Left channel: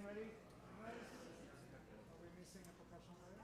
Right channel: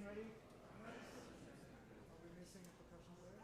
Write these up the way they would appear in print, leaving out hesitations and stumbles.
getting ready, guys? Are we missing a percussion player?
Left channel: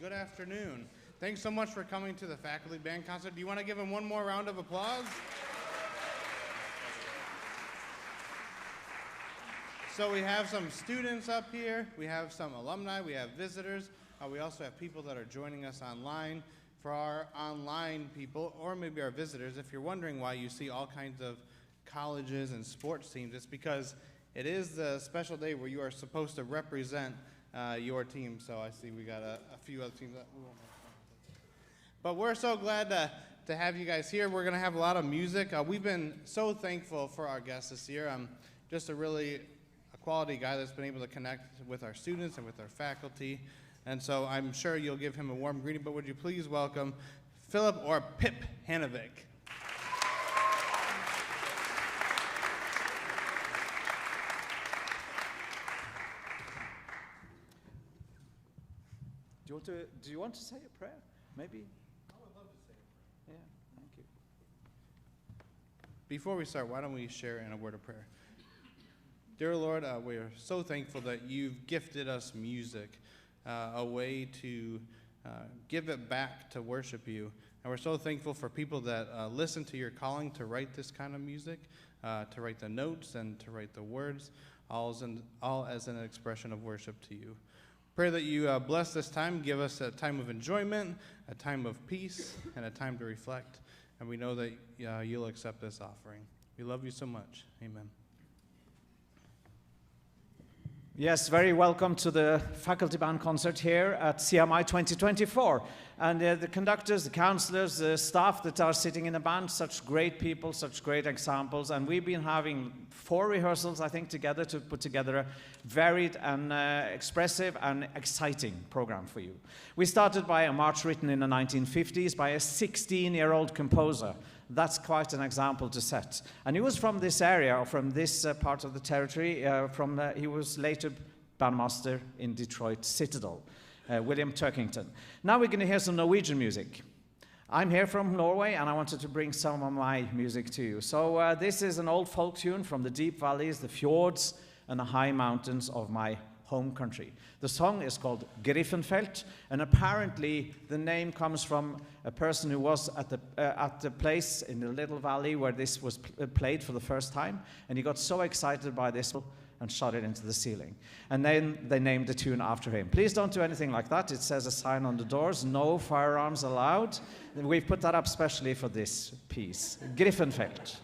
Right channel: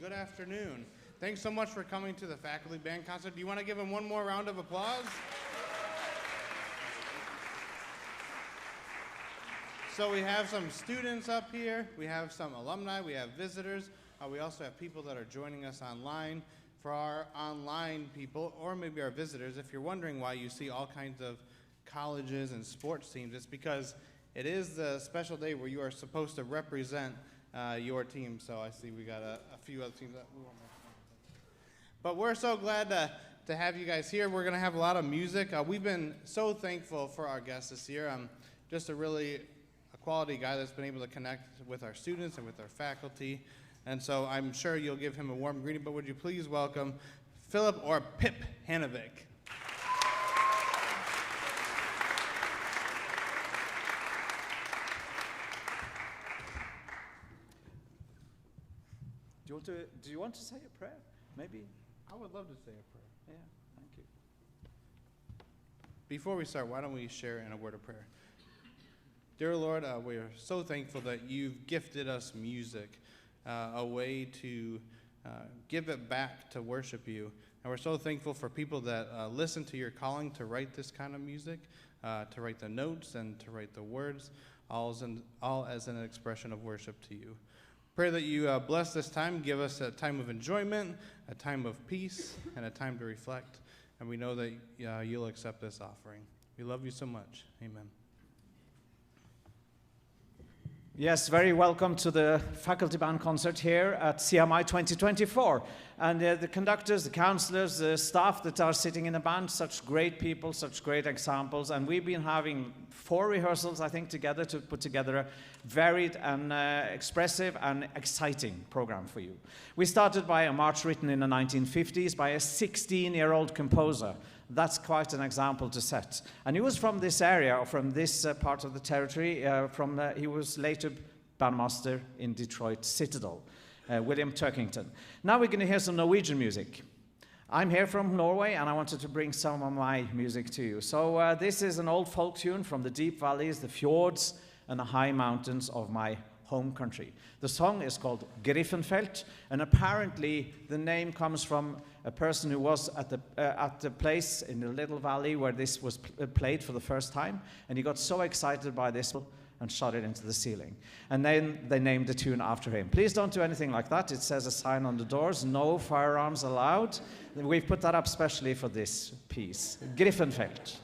Good afternoon. Thanks so much for coming to the faculty band concert. Do you want to give them one more round of applause? So we have some students up here, we have some alumni, we have visitors, we also have people that are joining us online. For our online people, or maybe our visitors, if you're wondering why you see all kinds of colleges and sports teams, it's because it is the special day where you are supposed to represent your team. So I see we got a few other teams that we won't make fun of. But we're so glad to have you guys here. We're going to have a lot of music. We've been so thankful for our guests this year. Just a quality guy that's been able to connect with our students and with our faculty. And so I'm sure you'll give him a warm greeting, but would you please welcome Philip or Pip Hanovic. Do you want to say a prayer? Maybe. I would love to say a prayer. Yeah, thank you. Before we start, why don't we share in a word of prayer? Dear Lord, we are so thankful that you've gifted us music, a way to give it back to worship you. And we're so thankful for people that listen to your calling to write this kind of music, to write the notes and to write the words, all as an expression of worship to you. Pray that you bless this time, give us a time of enjoyment, a time of peace, and a time to reflect. And we know that you'll accept this offering. We love you so much. Amen. Yes, very welcome to the faculty band concert here at CMI 2024. And the conductors, the counselors, the staff that are sitting in the band, such great people, such great examples. And we've been having 4 rehearsals, I think, together to put together a varied and expressive and exciting program for you. We started by a march written in the 1950s by a 16-year-old composer. That's quite an example to set. And he was from this area, or from this part of the territory. He was later bandmaster in Detroit, Citadel, William Turkington. Now we're going to hear some Norwegian music. I'm here from Norway, and I wanted to bring some of my music to you. So this is an old folk tune from the deep valleys, the fjords, and the high mountains of my home country. The song is called Griffenfeld, and apparently the name comes from a person who was at the place in the little valley where this was played for the first time, and he got so excited by this and shot it into the ceiling. And then they named the tune after him. Please don't do anything like that. It says a sign on the doors, no firearms allowed. We've put that up specially for this piece. Griffenfeld.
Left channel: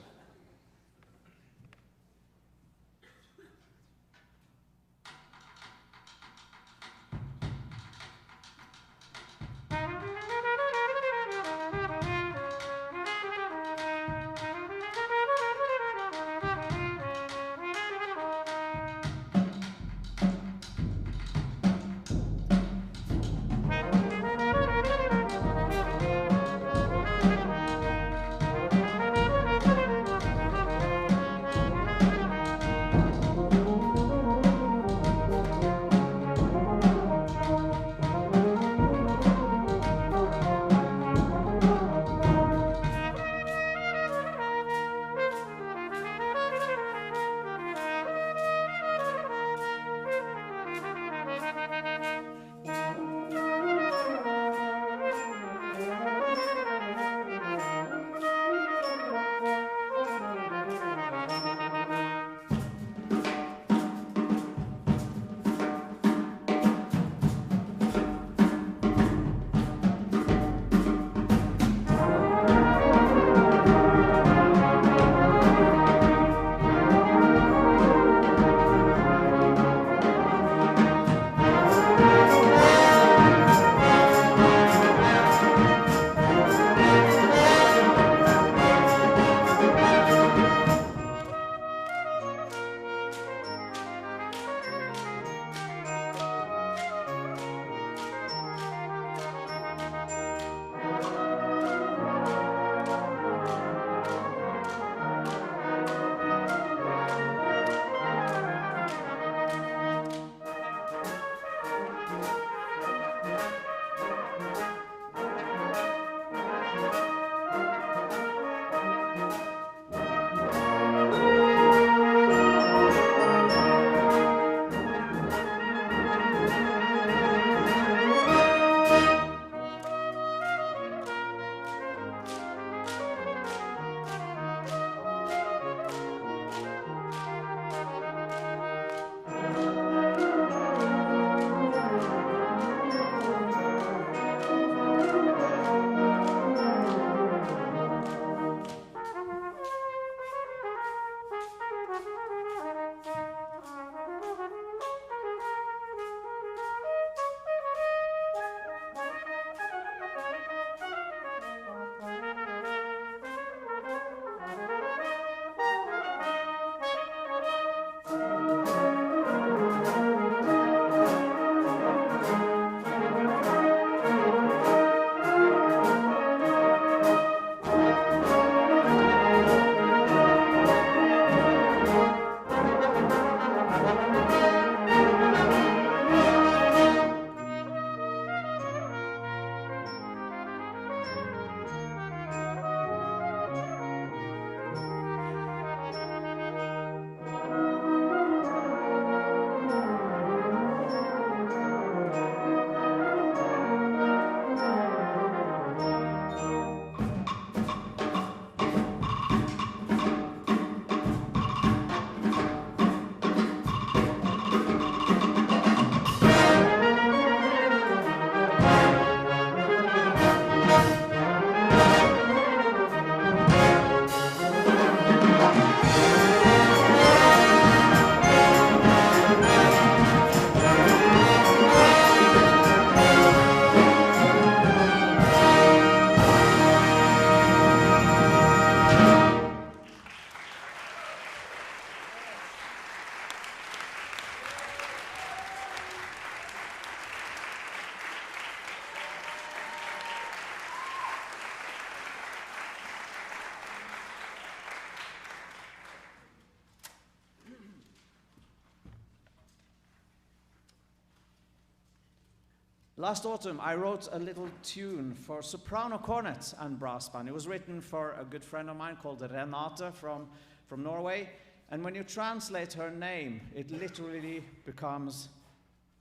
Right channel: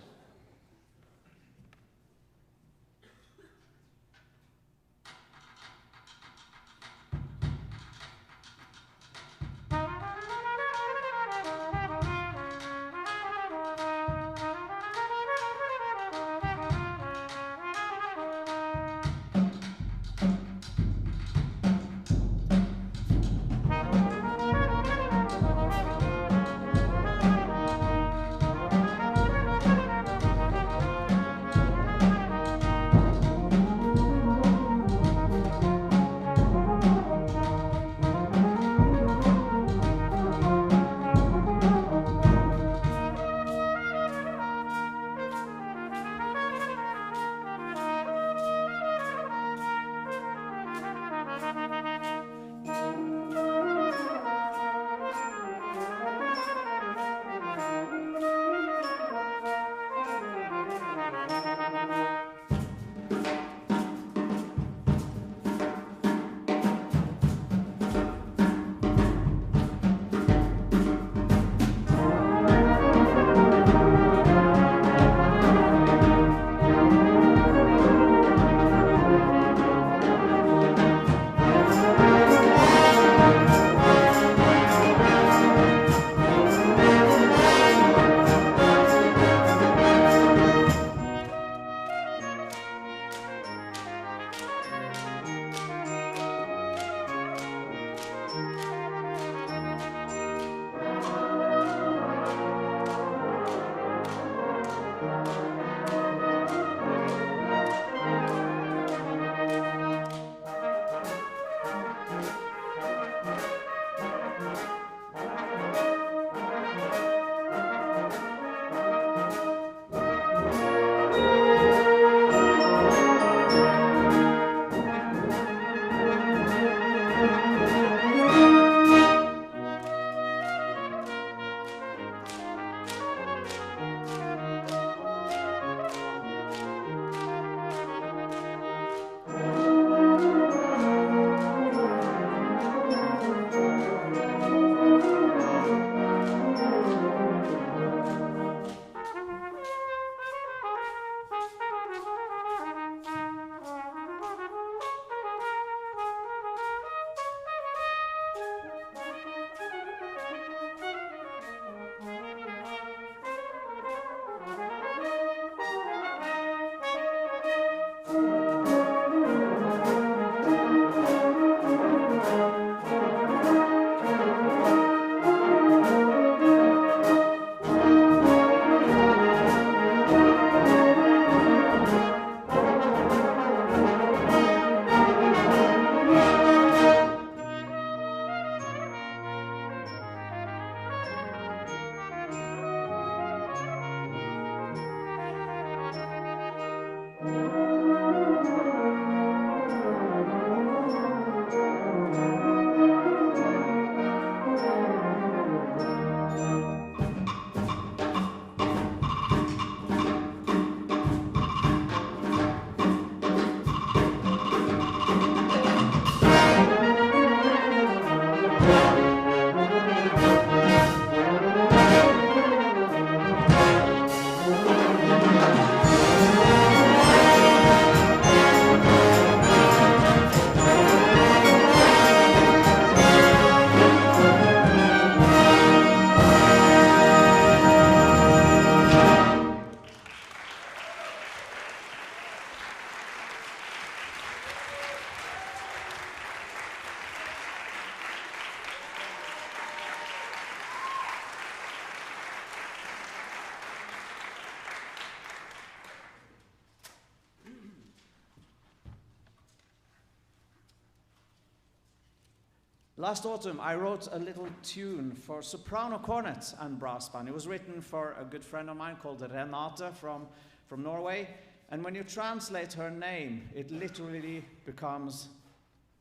Last autumn, I wrote a little tune for soprano cornet and brass band. It was written for a good friend of mine called Renate from Norway. And when you translate her name, it literally becomes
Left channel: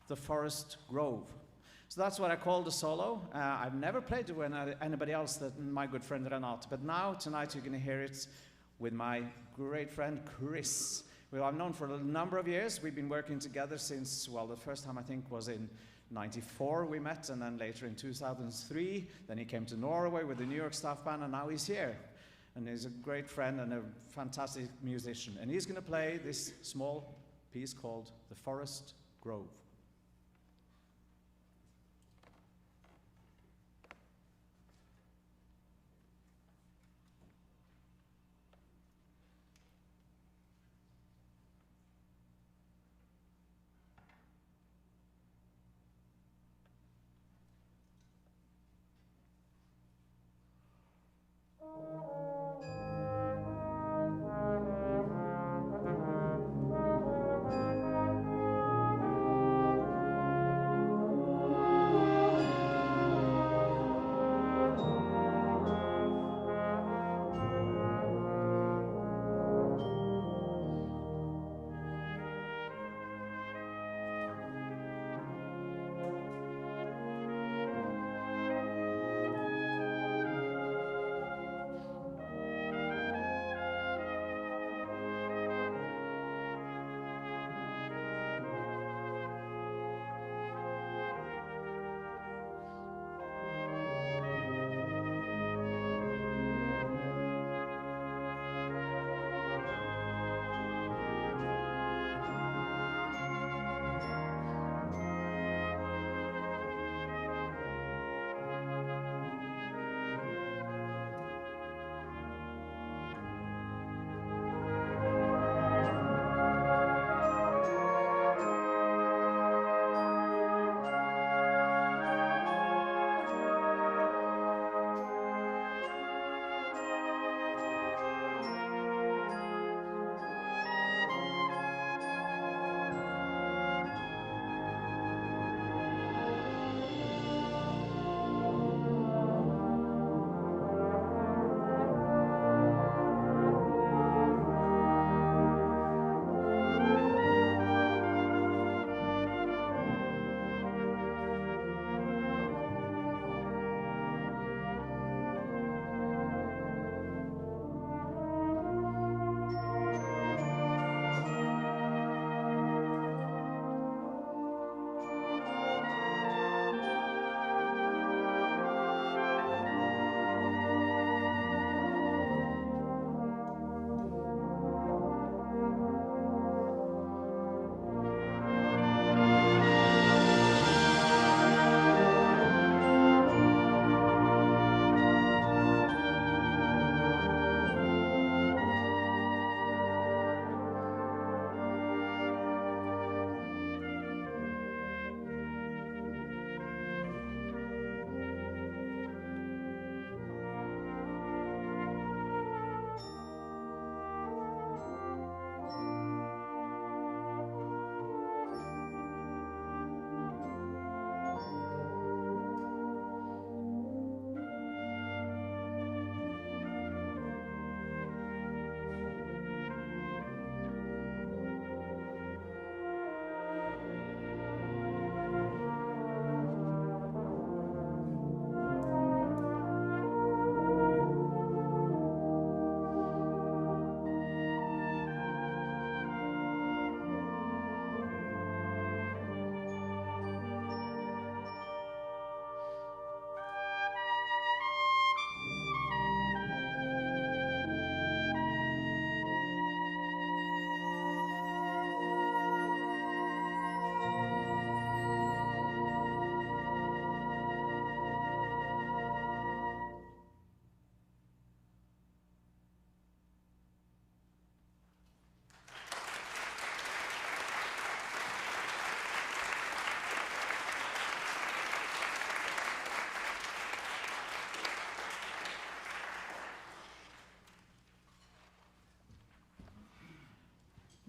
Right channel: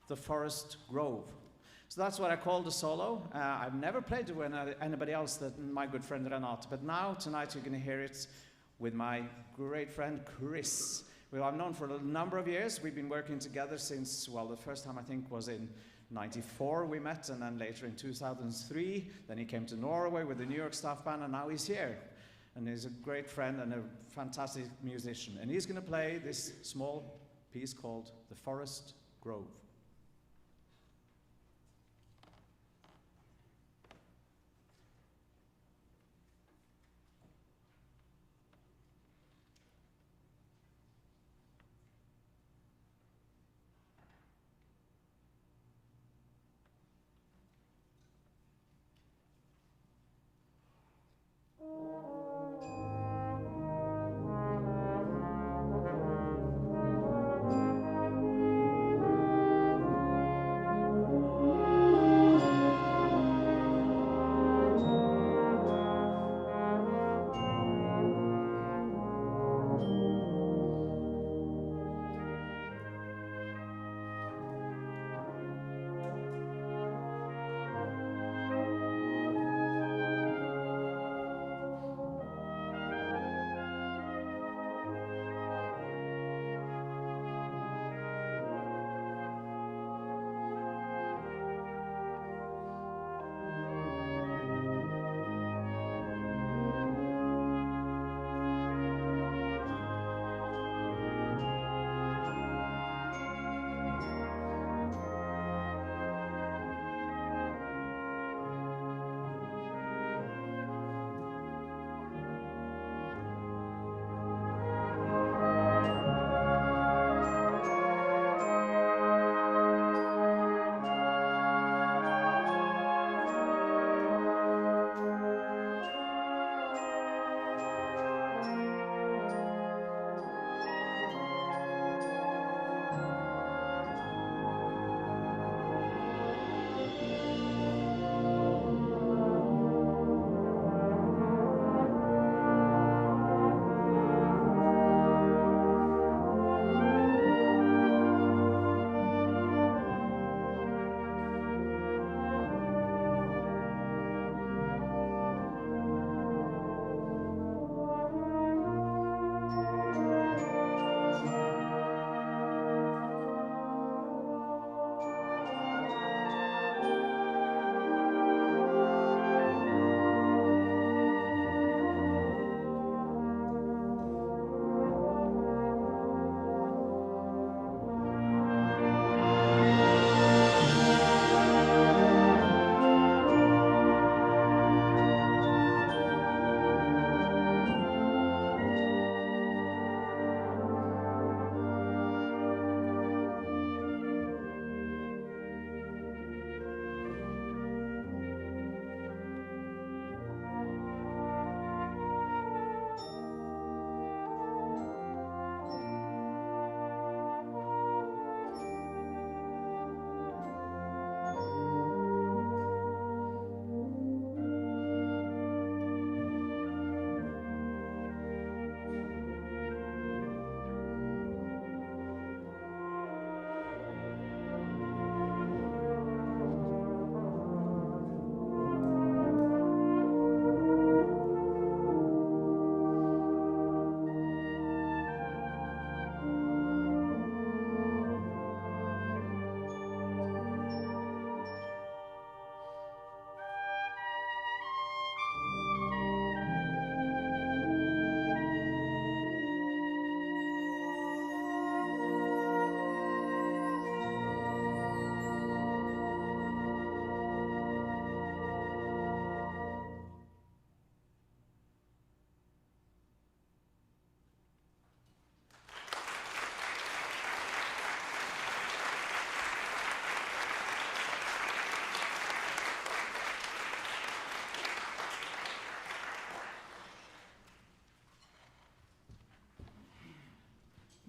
the forest grove. So that's what I call the solo. I've never played it with anybody else than my good friend Renate. But now, tonight, you're going to hear it with my great friend Chris, who I've known for a number of years. We've been working together since, well, the first time I think was in 94 we met, and then later in 2003. Then he came to Norway with the New York staff band, and now he's here. And he's a great friend and a fantastic musician. And he's going to play this small piece called The Forest Grove.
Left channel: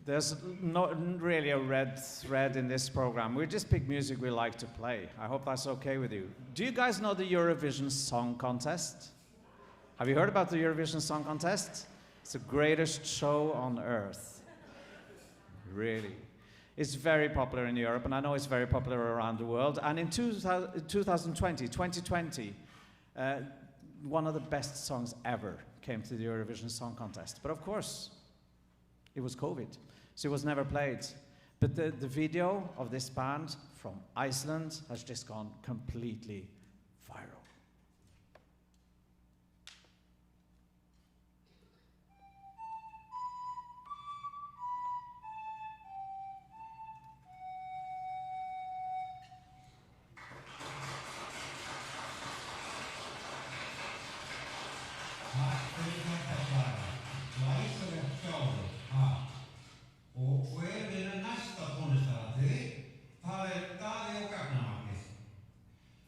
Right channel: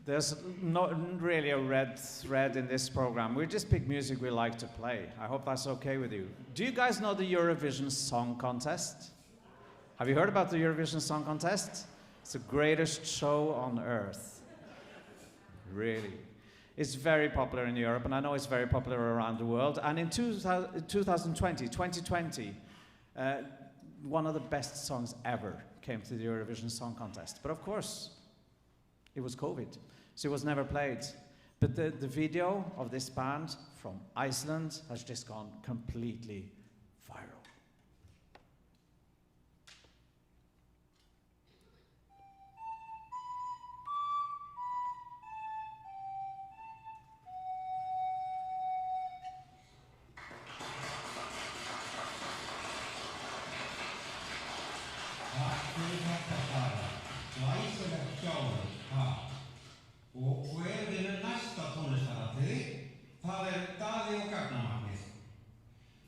There's not really a red thread in this program. We just pick music we like to play. I hope that's okay with you. Do you guys know the Eurovision Song Contest? Have you heard about the Eurovision Song Contest? It's the greatest show on earth. Really. It's very popular in Europe, and I know it's very popular around the world. And in 2020, one of the best songs ever came to the Eurovision Song Contest. But of course, it was COVID, so it was never played. But the video of this band from Iceland has just gone completely viral.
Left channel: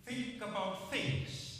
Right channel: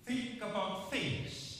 Think about things.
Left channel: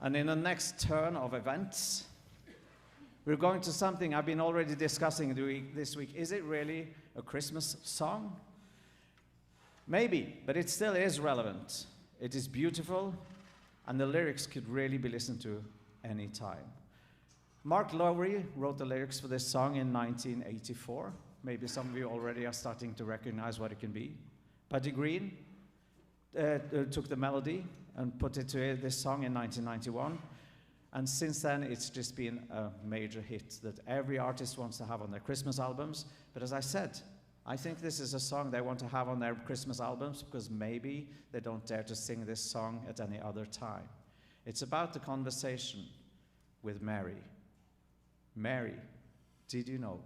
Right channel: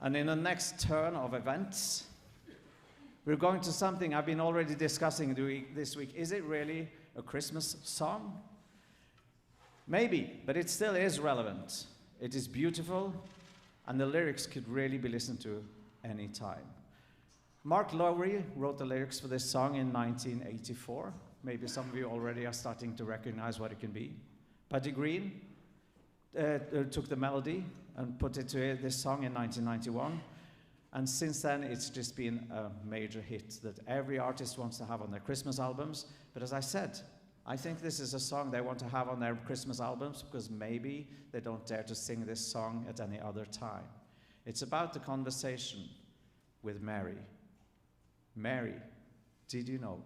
And in the next turn of events, we're going to something I've been already discussing this week. Is it really a Christmas song? Maybe, but it still is relevant. It is beautiful, and the lyrics could really be listened to anytime. Mark Lowry wrote the lyrics for this song in 1984. Maybe some of you already are starting to recognize what it can be. Buddy Green took the melody and put it to this song in 1991. And since then, it's just been a major hit that every artist wants to have on their Christmas albums. But as I said, I think this is a song they want to have on their Christmas albums because maybe they don't dare to sing this song at any other time. It's about the conversation with Mary. Mary, did you know?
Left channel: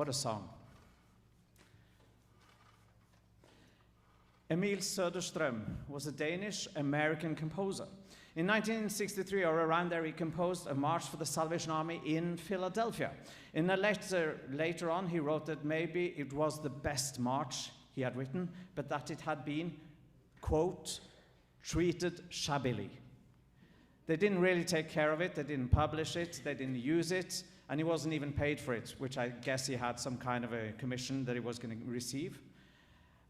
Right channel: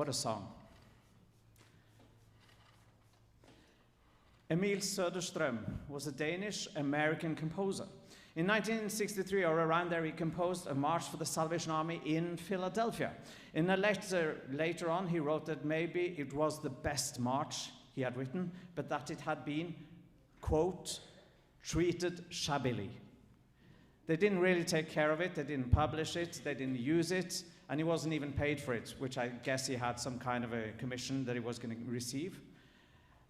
What a song. Emil Söderström was a Danish-American composer. In 1963 or around there, he composed a March for the Salvation Army in Philadelphia. In a letter later on, he wrote that maybe it was the best march he had written, but that it had been, quote, treated shabbily. They didn't really take care of it, they didn't publish it, they didn't use it, and he wasn't even paid for it, which I guess he had some kind of a commission that he was going to receive.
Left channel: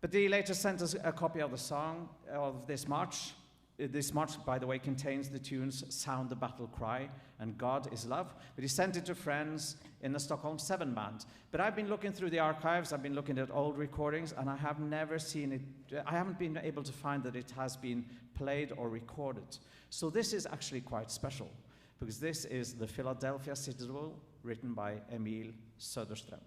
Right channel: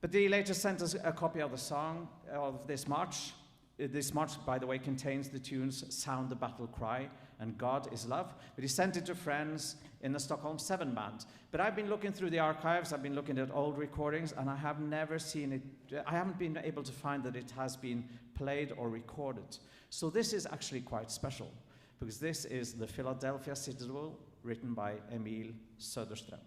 But he later sent us a copy of the song of this march. This march, by the way, contains the tunes Sound the Battle Cry and God is Love. But he sent it to friends in the Stockholm 7 band. But I've been looking through the archives, I've been looking at old recordings, and I have never seen it, I haven't been able to find that it has been played or recorded. So this is actually quite special, because this is the Philadelphia Citadel, written by Emil Söderström.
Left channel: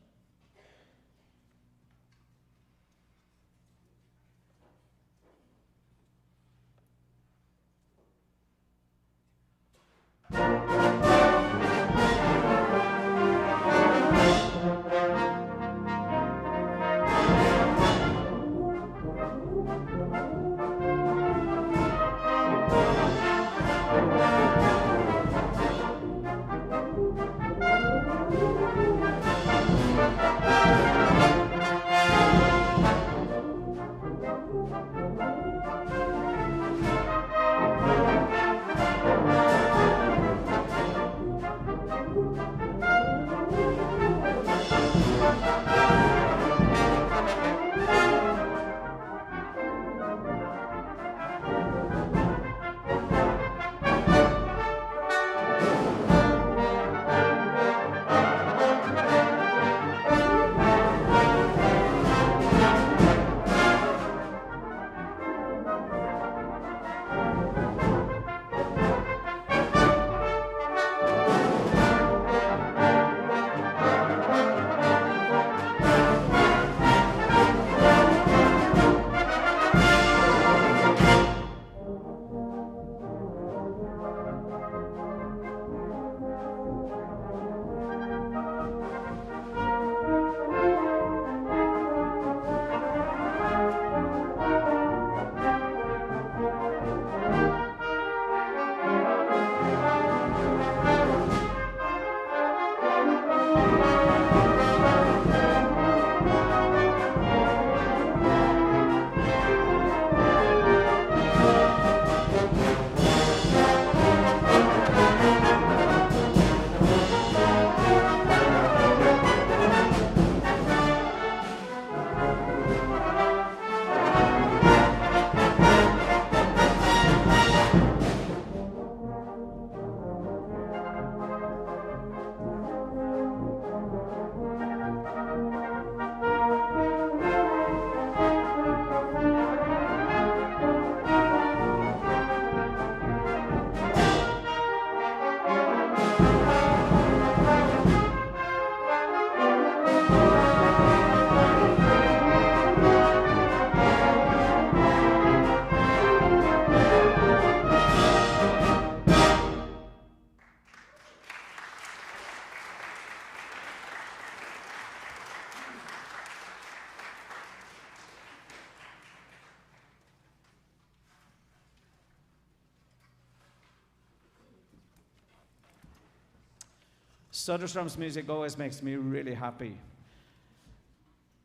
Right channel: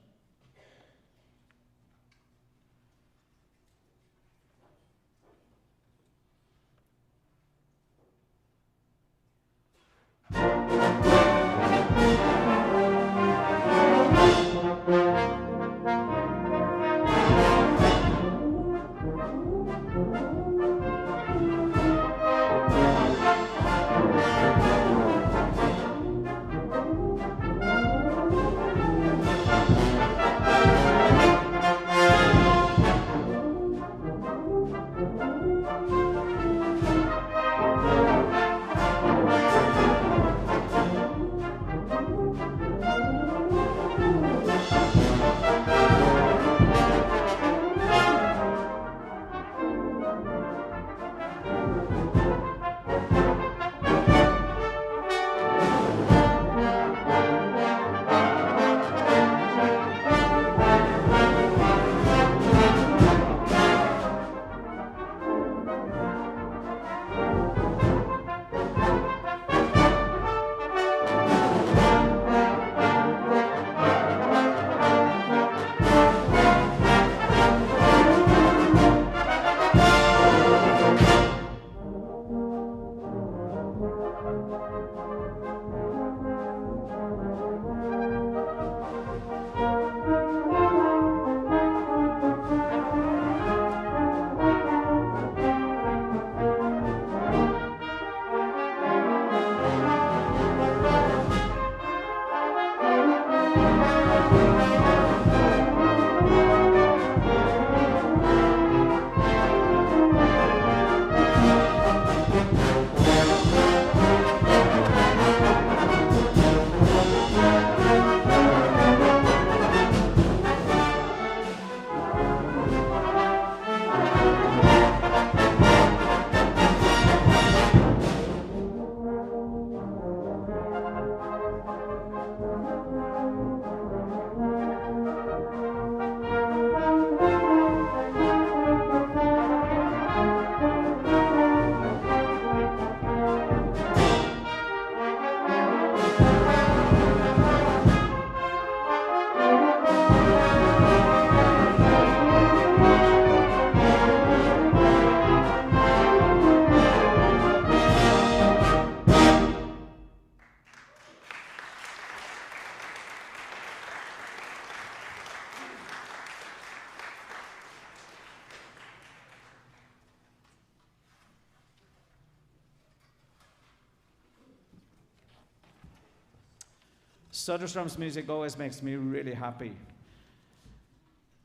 Söderström's music always makes me really happy.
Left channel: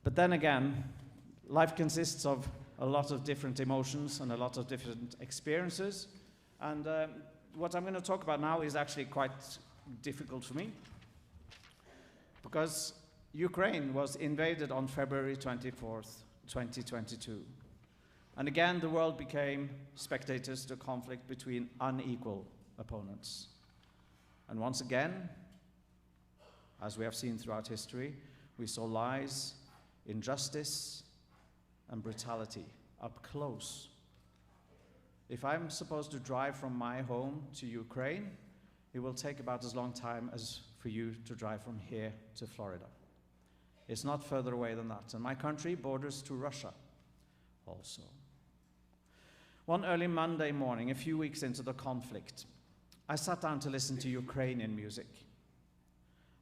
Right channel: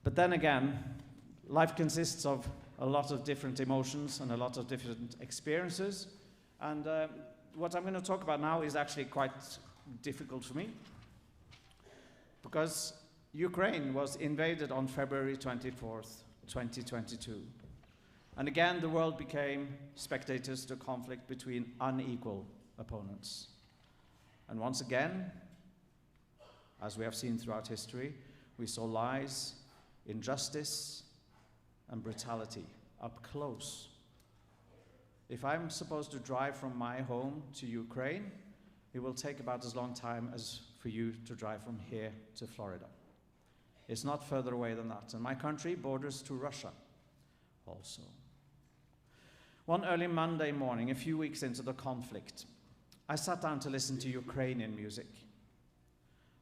But then again, life consists of a lot of different emotions and a lot of different experiences. And what I'm going to talk about now is actually quite difficult for me, because Ukraine was invaded on February 24th, 2022. And again, the world became spectators to a conflict between unequal opponents. And once again, as we have seen throughout history, we saw lies, injustice, and brutality up close. If I'm supposed to drive from my home to Ukraine, it will take about as long time as for you to drive from here to Florida. It's not further away than that. And my country borders to Russia also. One early Monday morning, a few weeks into the conflict, I sat down to listen to Ukrainian music.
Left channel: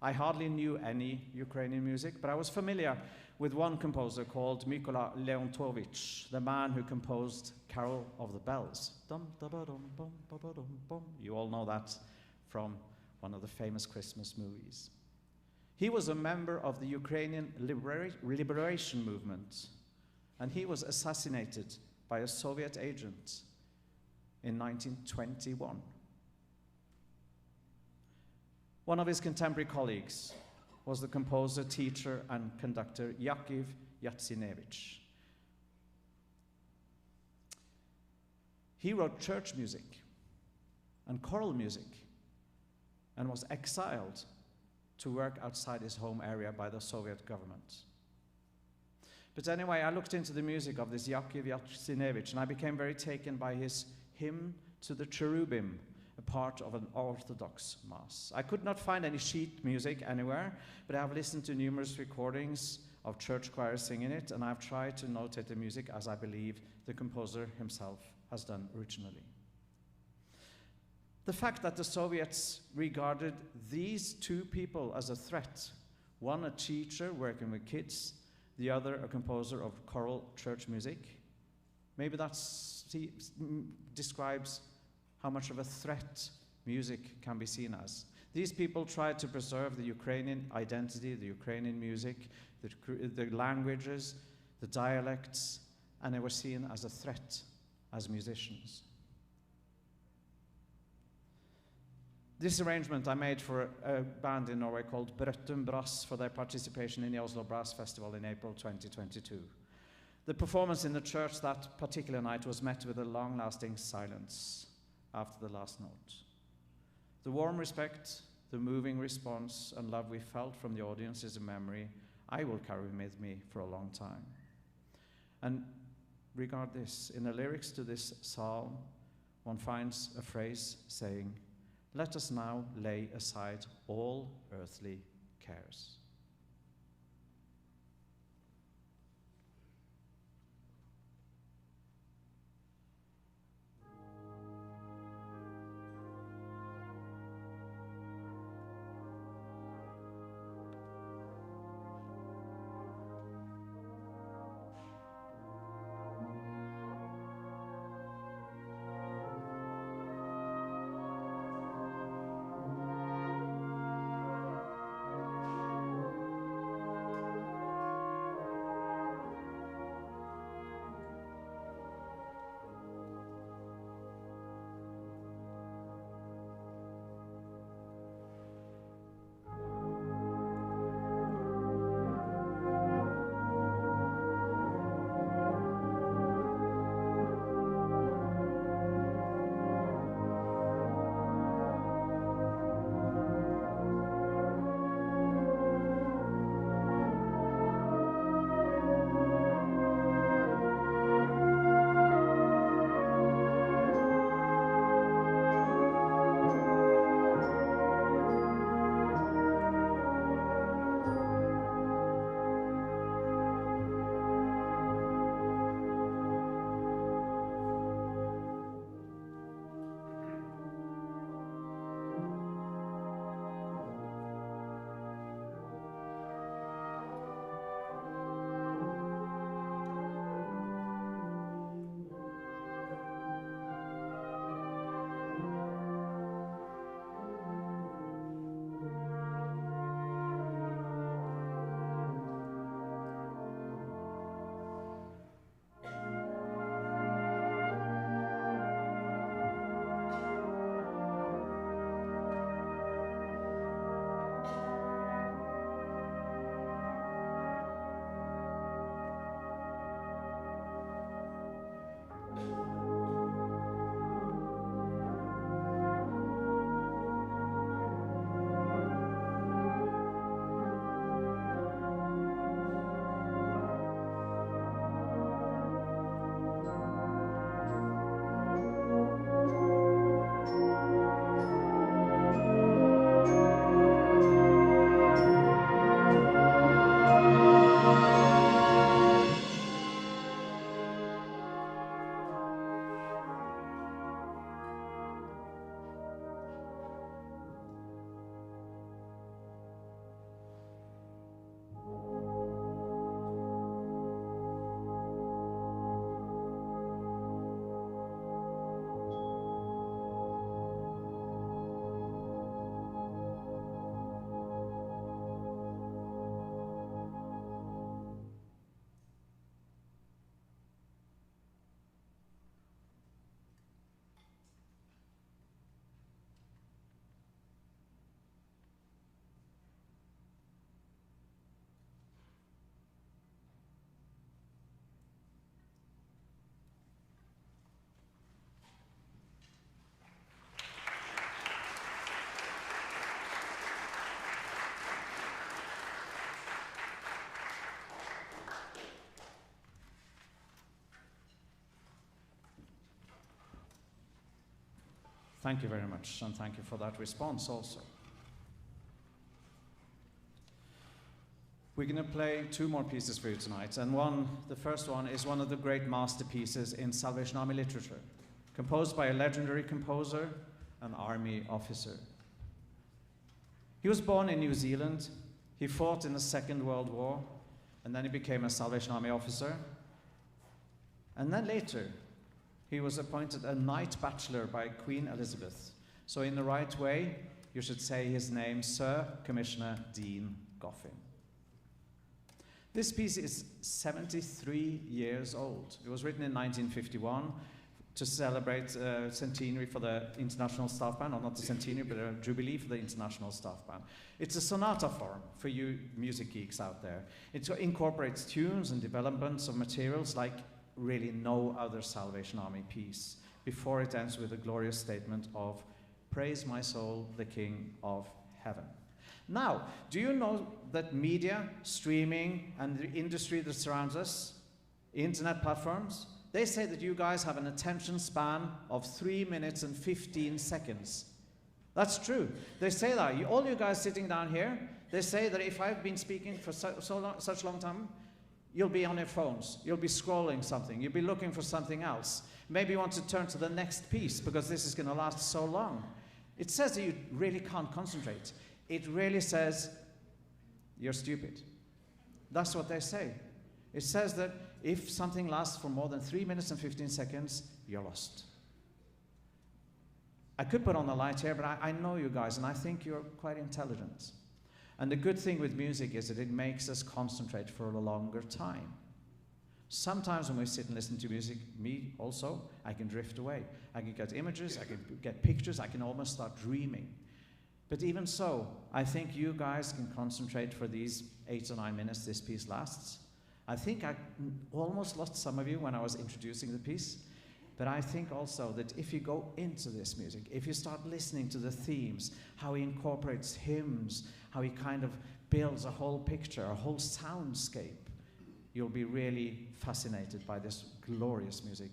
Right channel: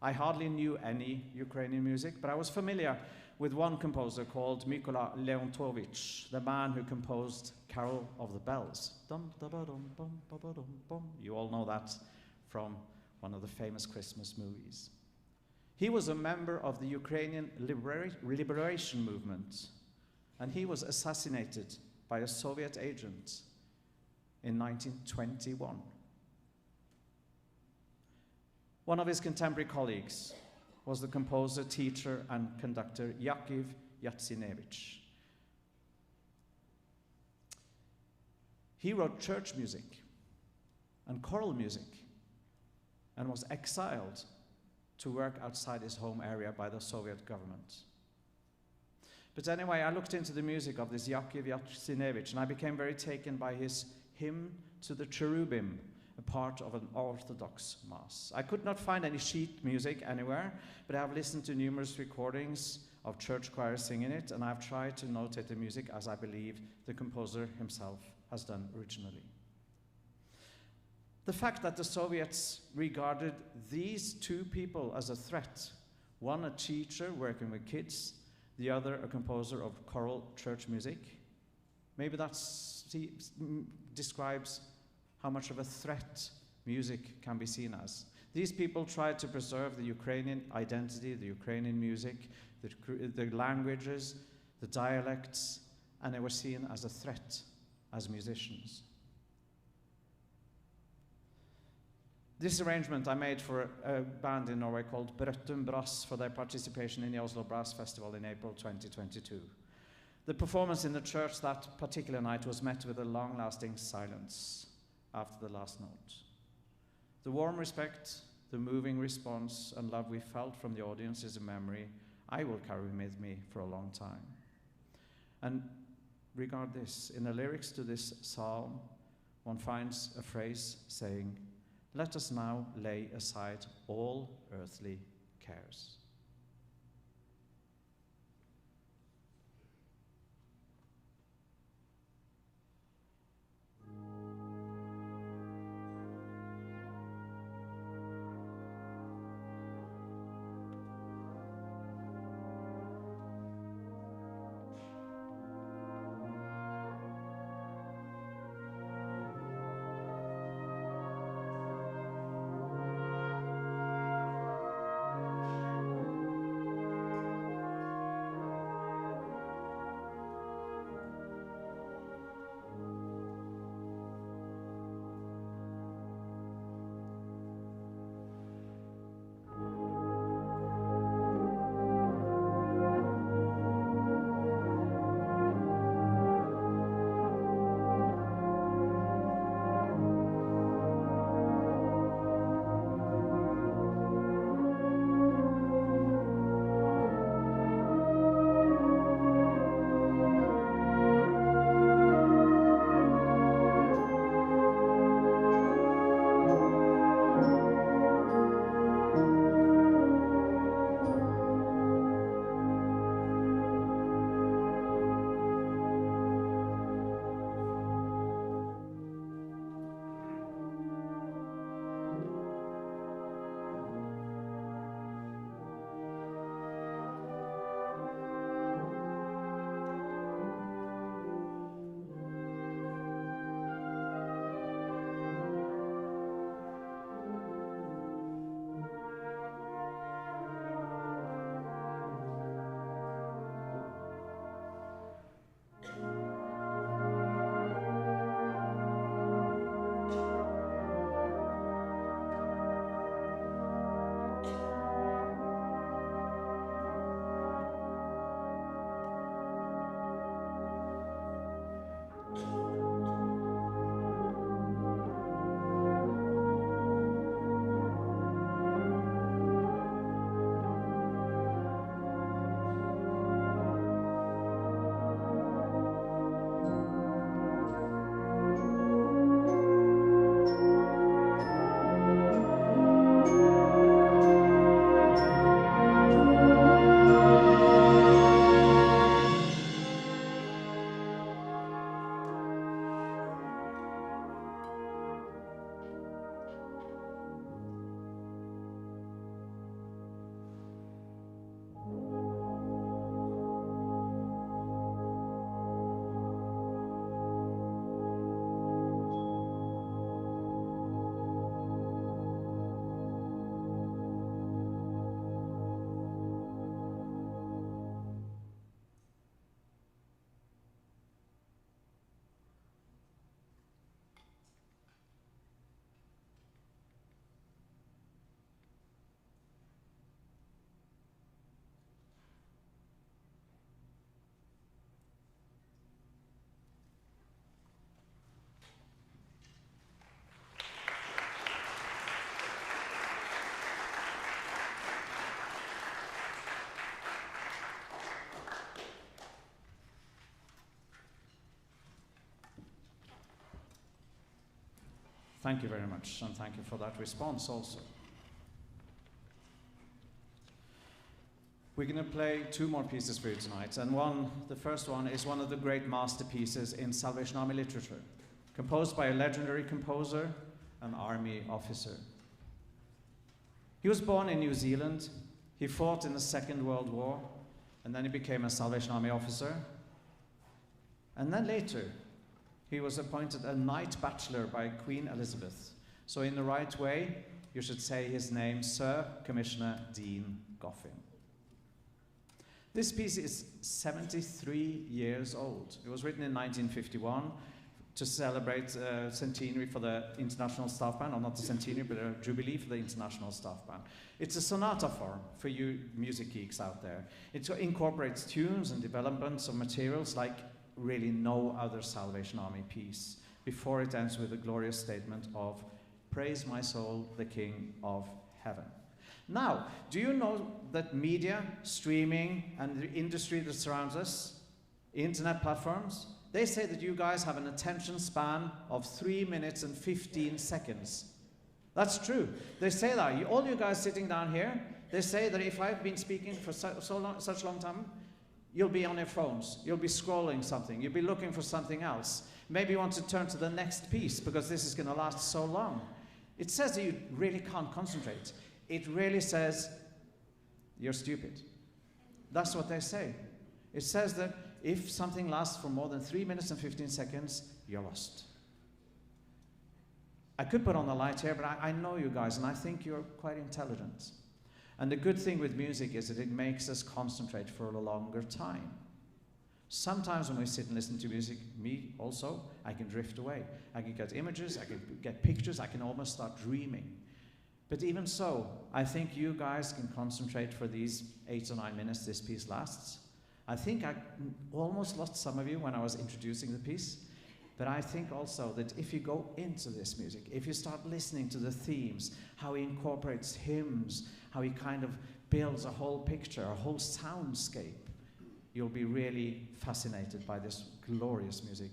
I hardly knew any Ukrainian music, but I was familiar with one composer called Mykola Leontovich, the man who composed Carol of the Bells. Dum, da, ba, dum, bum, ba, ba, dum, bum. You all know that from one of the famous Christmas movies. He was a member of the Ukrainian liberation movement, and he was assassinated by a Soviet agent in 1921. One of his contemporary colleagues was the composer, teacher, and conductor Yakov Yatsinevich. He wrote church music and choral music and was exiled to work outside his home area by the Soviet government. But anyway, I looked into the music of this Yakov Yatsinevich, and I became very taken by his hymn to the cherubim, a part of an Orthodox Mass. I could not find any sheet music anywhere, but I have listened to numerous recordings of church choirs singing it, and I've tried to notate the music as I believe the composer himself has done originally. The fact that the Soviets regarded these two people as a threat, one a teacher working with kids, the other a composer of choral church music, maybe that describes how much of a threat music can be seen as. These people tried to preserve the Ukrainian identity, the Ukrainian music, the languages, the dialects, and they were seen as a threat as musicians. This arrangement I made for a band in Norway called Brøttum Brass for their participation in the Oslo Brass Festival in April 2022. The performance in the church that particular night was met with a long-lasting silence after the last note. The warm respect, the moving response and love we felt from the audience is a memory I will carry with me for a long time. And regard this, in the lyrics to this psalm, one finds a phrase saying, "Let us now lay aside all earthly cares." Thank you very much, and thank you for that response also. We're going to play two more pieces for you tonight, and the first one is one of the great masterpieces in Salvation Army literature, composed by a legendary composer, an army officer. He was born in New Zealand. He fought in the Second World War, and then he became a Salvation Army officer. And then later, he was appointed a Knight Bachelor by Queen Elizabeth. So in the right way, you should say his name, Sir Commissioner Dean Goffin. This piece is 73 years old. It was written in 1951 to celebrate centenary for the International Staff Band, or not the centenary, but a jubilee for the International Staff Band. It's a sonata form for you music geeks out there. It incorporates tunes and developments of materials like really no other Salvation Army piece, before it ends with a glorious statement of, "Praise my soul, the King of Heaven." Now, do you know that media, streaming, and the industry that surrounds us, internet platforms, they say that you guys have an attention span of 3 minutes and 15 seconds. That's true. They say that. All you guys sitting down here, they say that if I've been speaking for such a long time, you'll be on your phones, you'll be scrolling something, you'll be looking for something else. Maybe you want to turn to the next piece because this is going to last so long. It says that you really can't concentrate. It really says you're stupid. That's what they say. It says that if something lasts for more than 3 minutes and 15 seconds, you're lost. I could put on the light here, but I know you guys, and I think you're quite intelligent. And the good thing with music is that it makes us concentrate for a longer time. Sometimes when we sit and listen to music, me also, I can drift away. I can get images, I can get pictures, I can almost start dreaming. But even so, I think you guys can concentrate for these 8 or 9 minutes this piece lasts. I think I almost lost some of you when I was introducing the piece. But I think also that if you go into this music, if you start listening to the themes, how he incorporates hymns, how he kind of builds a whole picture, a whole soundscape, you'll be really fascinated by this glorious music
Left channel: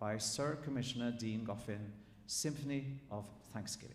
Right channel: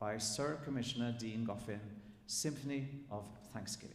by Sir Commissioner Dean Goffin, Symphony of Thanksgiving.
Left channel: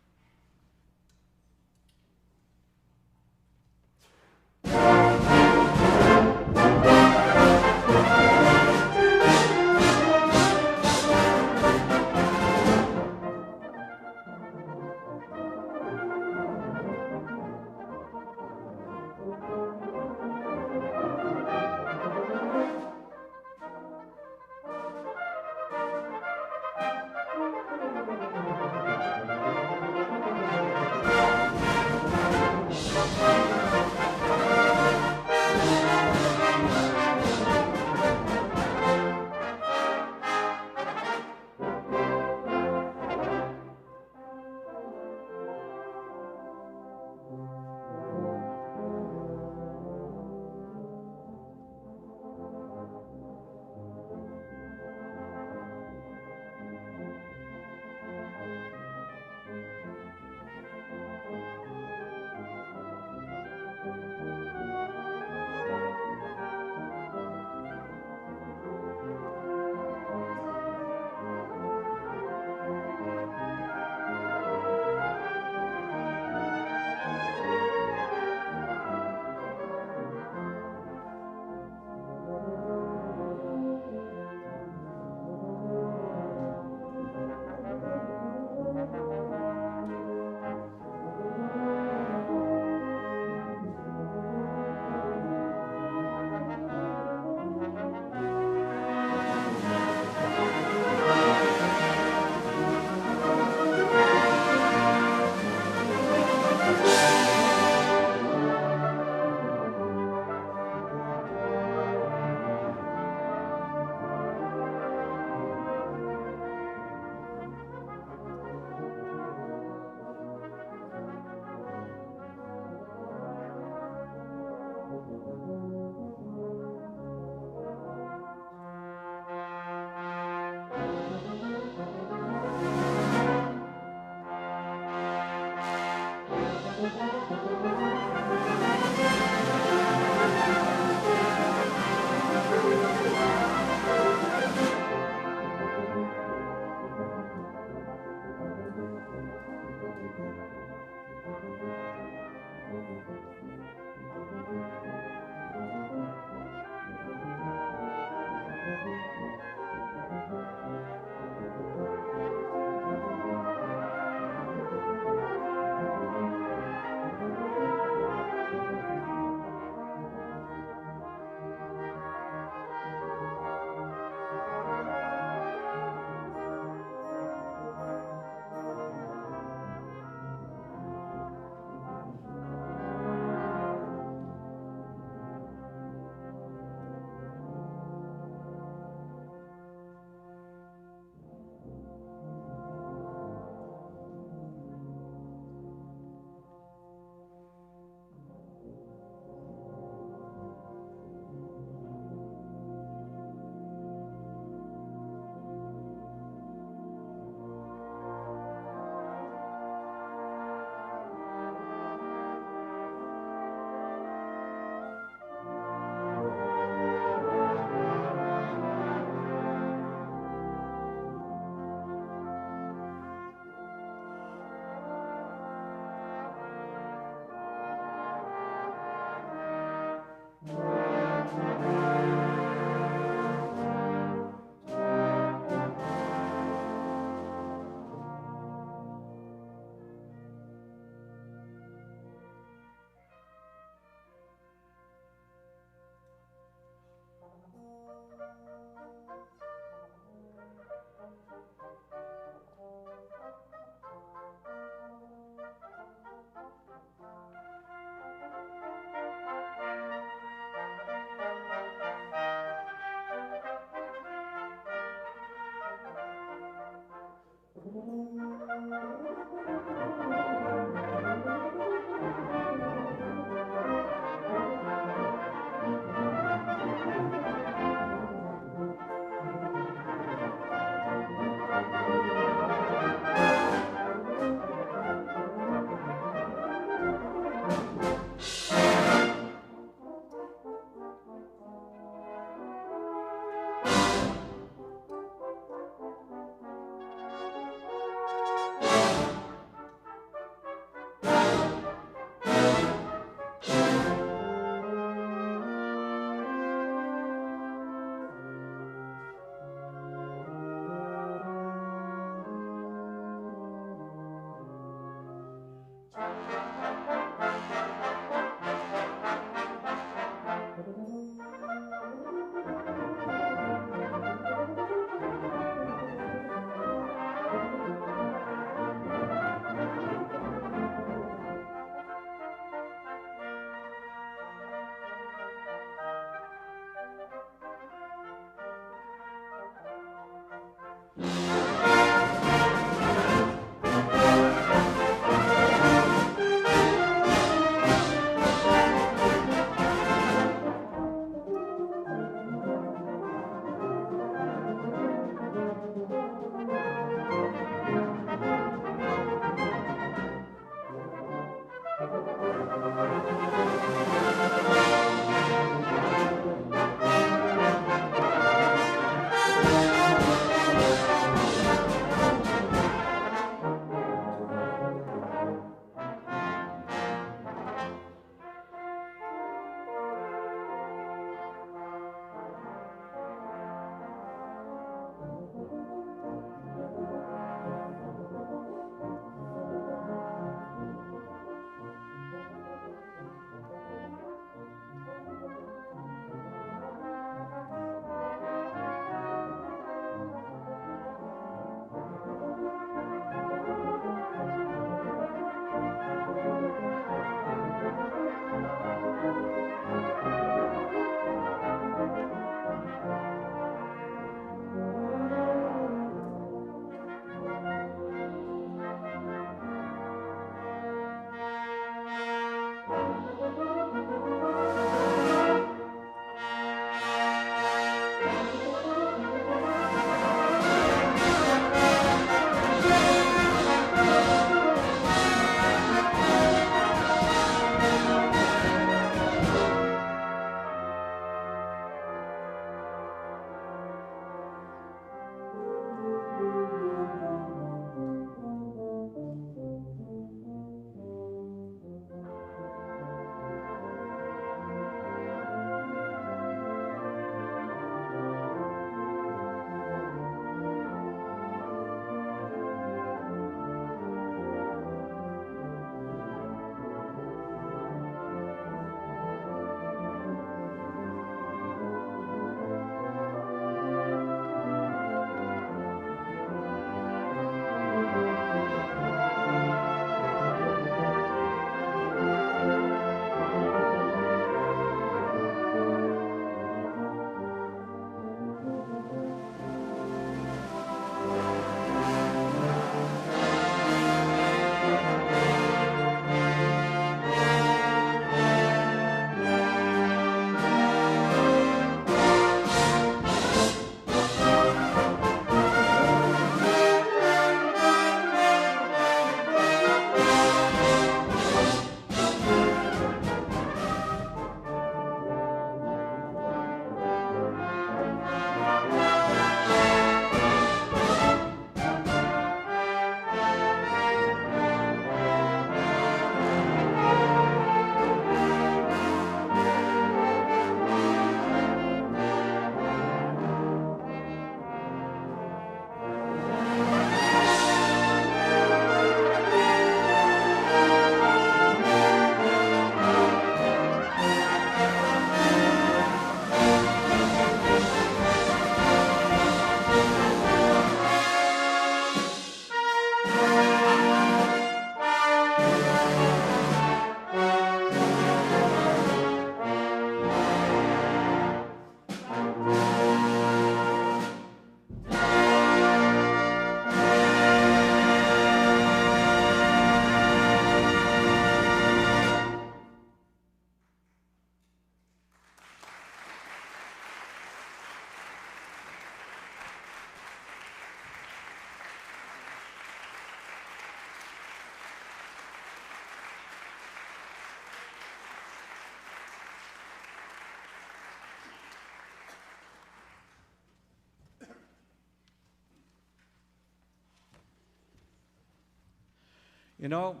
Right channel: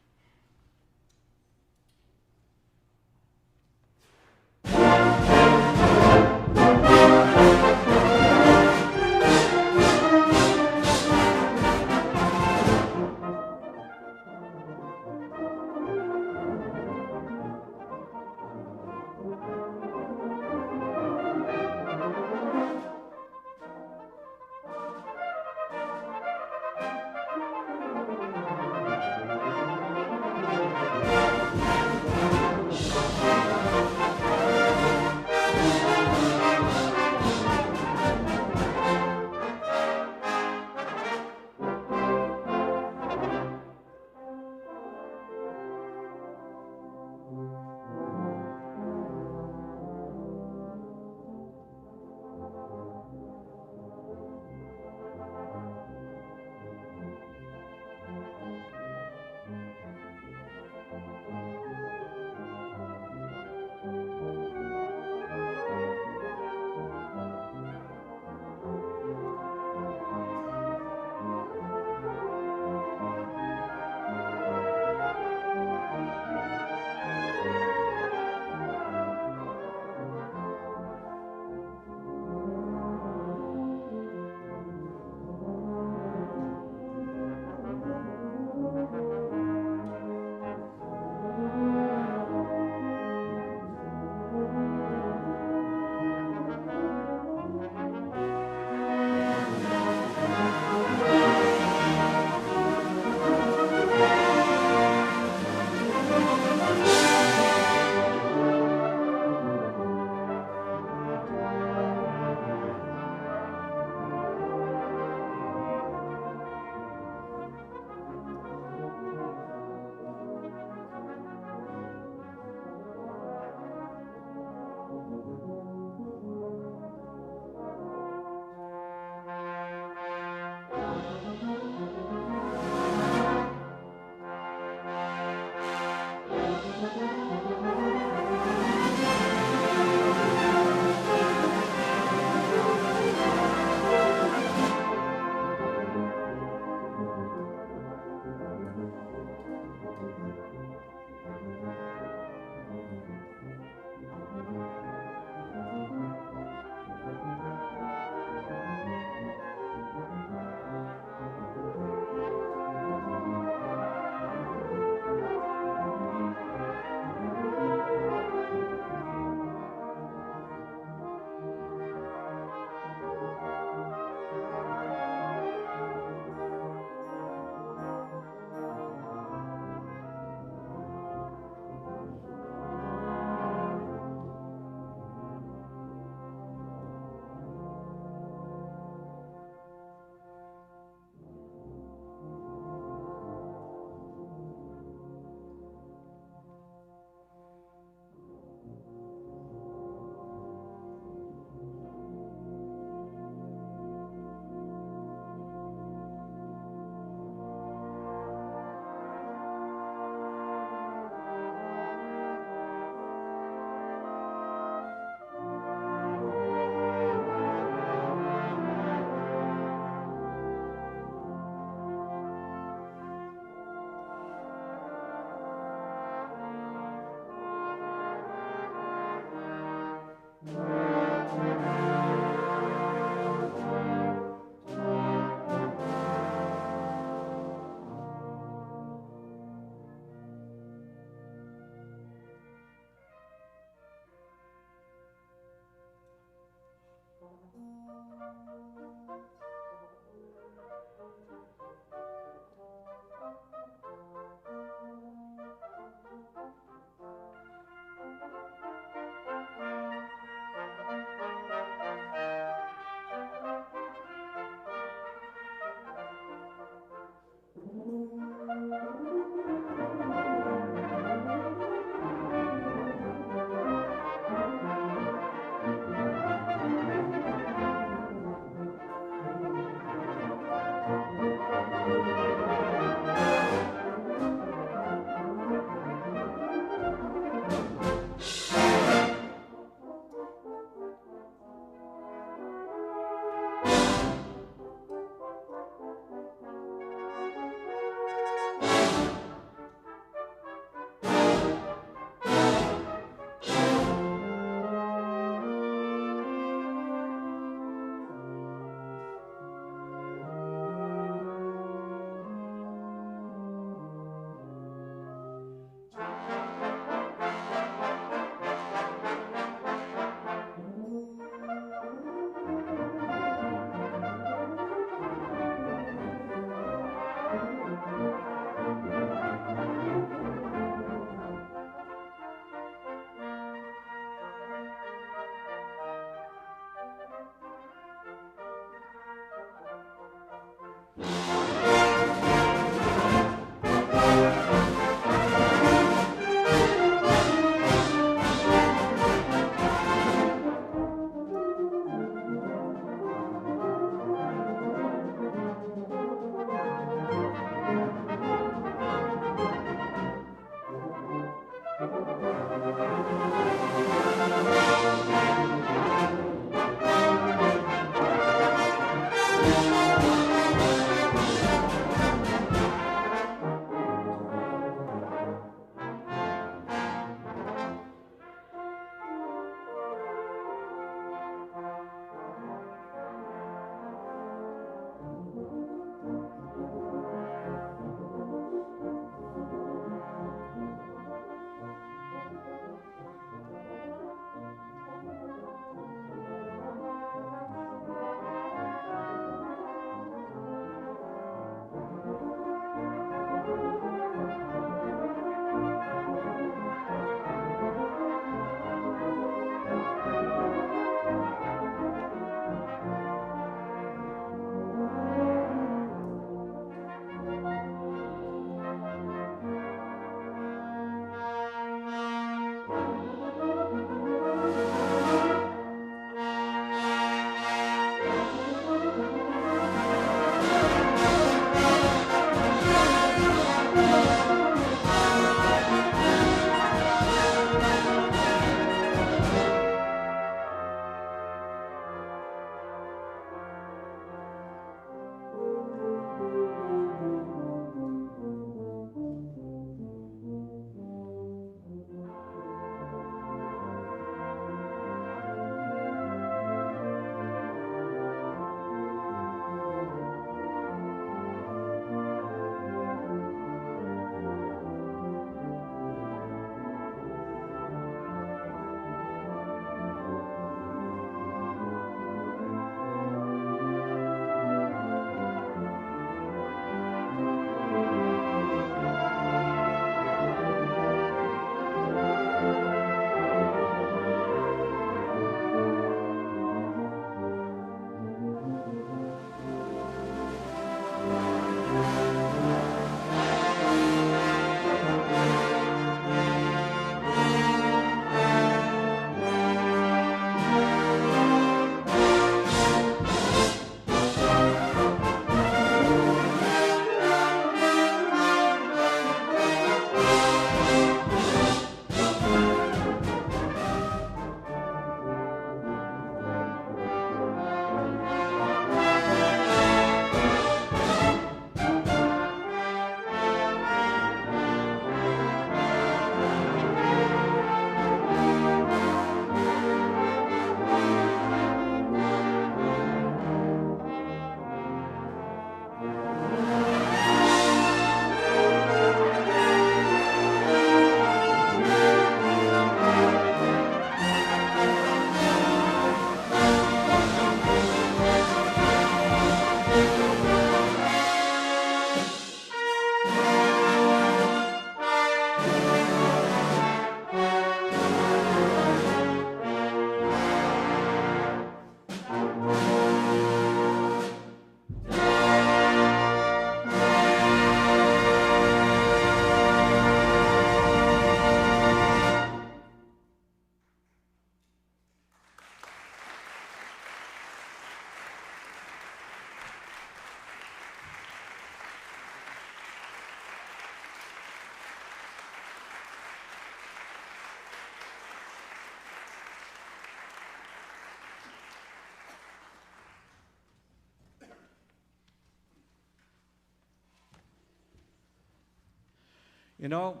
You know,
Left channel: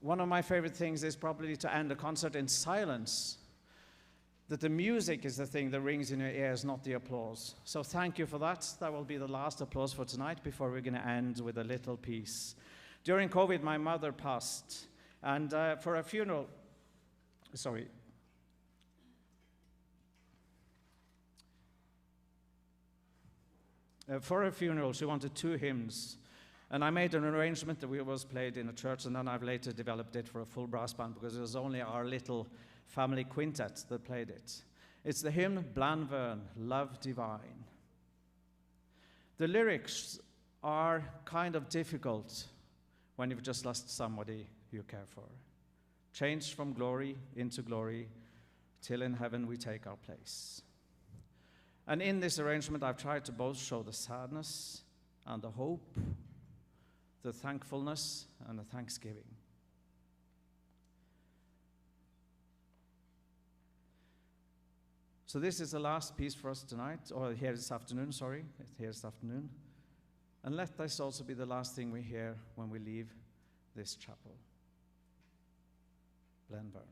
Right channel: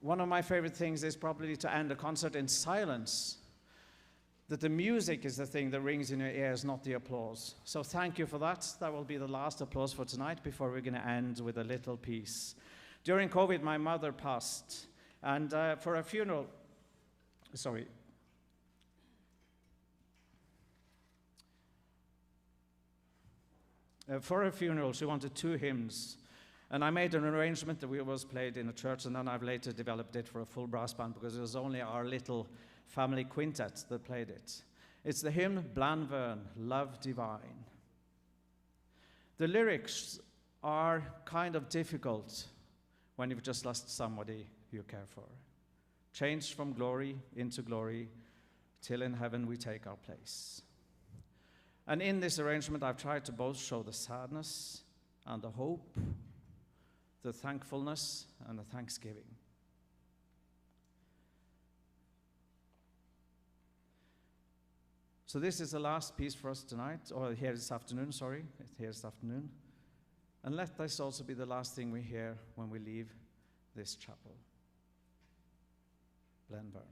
one of my favorite things is probably to end a concert in silence. That the music is the thing that rings in your ears, not the applause. So thank you for that. That will be the last applause for tonight before we're going to end with a little piece. During COVID, my mother passed. And for a funeral, she wanted 2 hymns. And I made an arrangement that was played in a church, and then I've later developed it for a full brass band because it was only our little family quintet that played it. It's the hymn, Blanvern, Love Divine. The lyrics are kind of difficult when you've just lost somebody you care for. Changed from glory into glory, till in heaven we take our place. And in this arrangement, I've tried to both show the sadness and the hope, the thankfulness and the thanksgiving. So this is the last piece for us tonight, or here this afternoon, And let this also be the last thing we hear when we leave this chapel. Blenburn.